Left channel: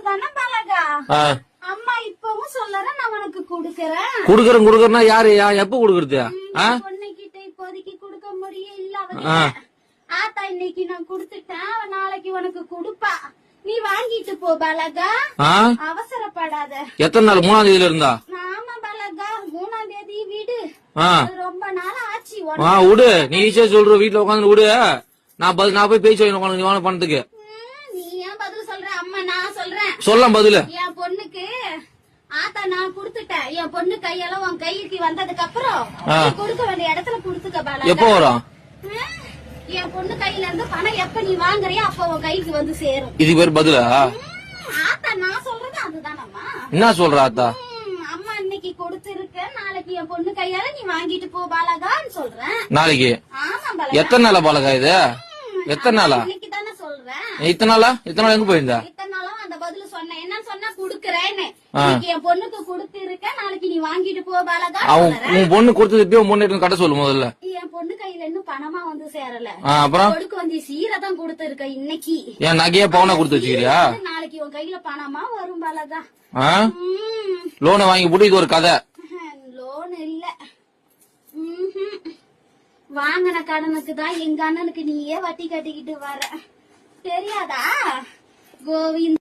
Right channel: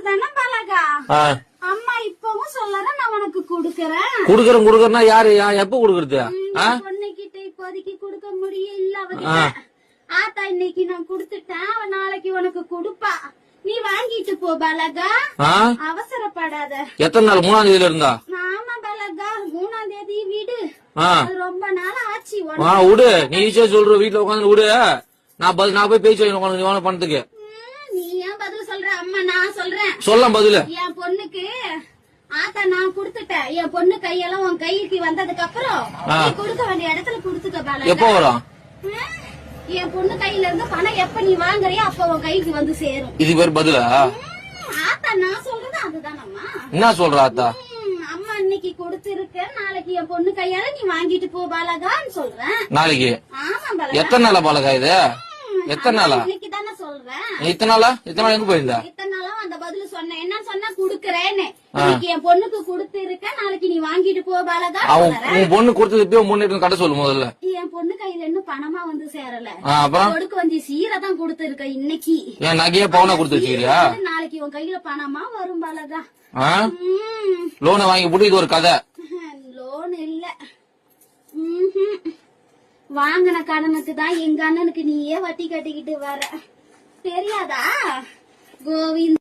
அதுதானே பழகா. அம்மா இப்பவும் சொல்லறேன், நான் உனக்கு குடுக்கறேன். குடுக்கறேன்னா யாரு எப்ப குடுக்கறது? பொண்ணுகிட்ட இப்போதைக்கு குடுக்க முடியல. ஆத்தா இன்னைக்கு நான் குடுத்துட்டேன், அவன் நாளைக்கு உனக்கு குடுப்பா. நீ வாங்கிட்டு போ பலகா, அவசரப்படாத. எத்தனை நாள்? 3ஆம் தேதியில இருந்தா? ஆமா பலகா, 3ஆம் தேதி விடு. ரொம்ப நாள் ஆச்சு. விடு, நீ ஈஸியா சொல்ற. வீட்டுல உட்காந்து விடு, நான் போய் பேச்சு உட்காந்து பணத்துக்கு. நீ ஏன் பதில் சொல்ற? அம்மா நான் சொல்றேன். சொல்ல பதில். என் பொண்ணுக்கு ஆத்தா நான் குடுத்துட்டேன். என் பொண்ணு கையெல்லாம் உன் கைக்கு வந்ததுக்கு அப்புறம் கொடுக்க வேண்டிய இடத்துல குடுத்துக்க பலகா. எப்போ வரும்? என் பொண்ணு கையில இருந்து பணம் எப்ப நீ வாங்குறியோ அப்ப உன் கைக்கு வந்து சேரும். இது பேர் பதிலா? ஆத்தா நான் சொல்றது அதுதானம்மா. என்ன சொல்ற ஆத்தா? அம்மா இன்னைக்கு கொடுத்திருக்கேன், நாளைக்கு என் பொண்ணு கையால நீ வாங்கிட்டு போ பாலகான்னு சொல்றேன். நாளைக்கு? ஆமா பாலகா. எத்தனை நாளா பாலகா இது? எத்தனை நாளா? இன்னைக்கு தானே சொல்றேன். இத்தனை நாளா எங்க போயிருந்தா? இத்தனை நாளா அந்த பதில் சொன்னேன். என்ன சொன்னா குடுக்கறேன்னு. இன்னைக்கு என் பொண்ணுக்கு கொடுத்திருக்கேன், நாளைக்கு நீ வாங்கிட்டு போ பாலகா. உன் பொண்ணு கொடுத்தது உன் பொண்ணு கட்ட சொல்லு முதல்ல. என் பொண்ணு கையில இன்னும் பணமா வந்து சேரல. அப்புறம் கொடுக்க வந்து சீரதான் கொடுத்திருக்க இன்னைக்கு. என் நகையா பவுனா கொடுத்து வச்சுக்கிறியா? நாளைக்கு உன் கையில பணமா வரும் பாலகா. லோனை வாங்கி போட்டு இது ஒரு கதை. லோன் இல்ல, வாங்கின கடனுக்கு தான் எங்க அண்ணனுக்கு நீயே வட்டி கட்டிக்கிட்டு வர. தெரியாதா கோவிந்த்?